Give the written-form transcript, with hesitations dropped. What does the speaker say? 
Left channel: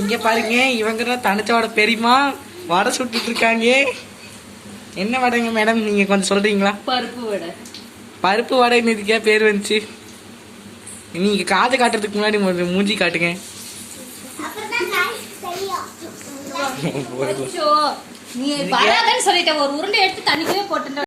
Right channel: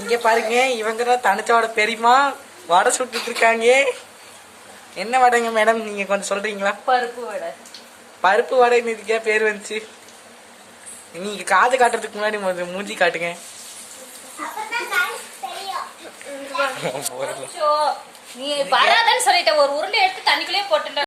இங்க பாருங்க, இவங்க தனிச்சாவோட பெரியமா வடை சுட்டுட்டு இருக்காங்க. என்ன வடைங்க மேடம், நீங்க கொஞ்சம் சொல்றீங்களா? பருப்பு வடை. பருப்பு வடை இதுக்கே பேர் வந்துச்சு. நீங்க காது காட்டுறதுக்கு முன்னாடி மூஞ்சி காட்டுங்க. நீ வராதன்னு சொல்லிட்ட, ஒரு உருண்டை எடுத்து தண்ணிக்குள்ளே போட்டு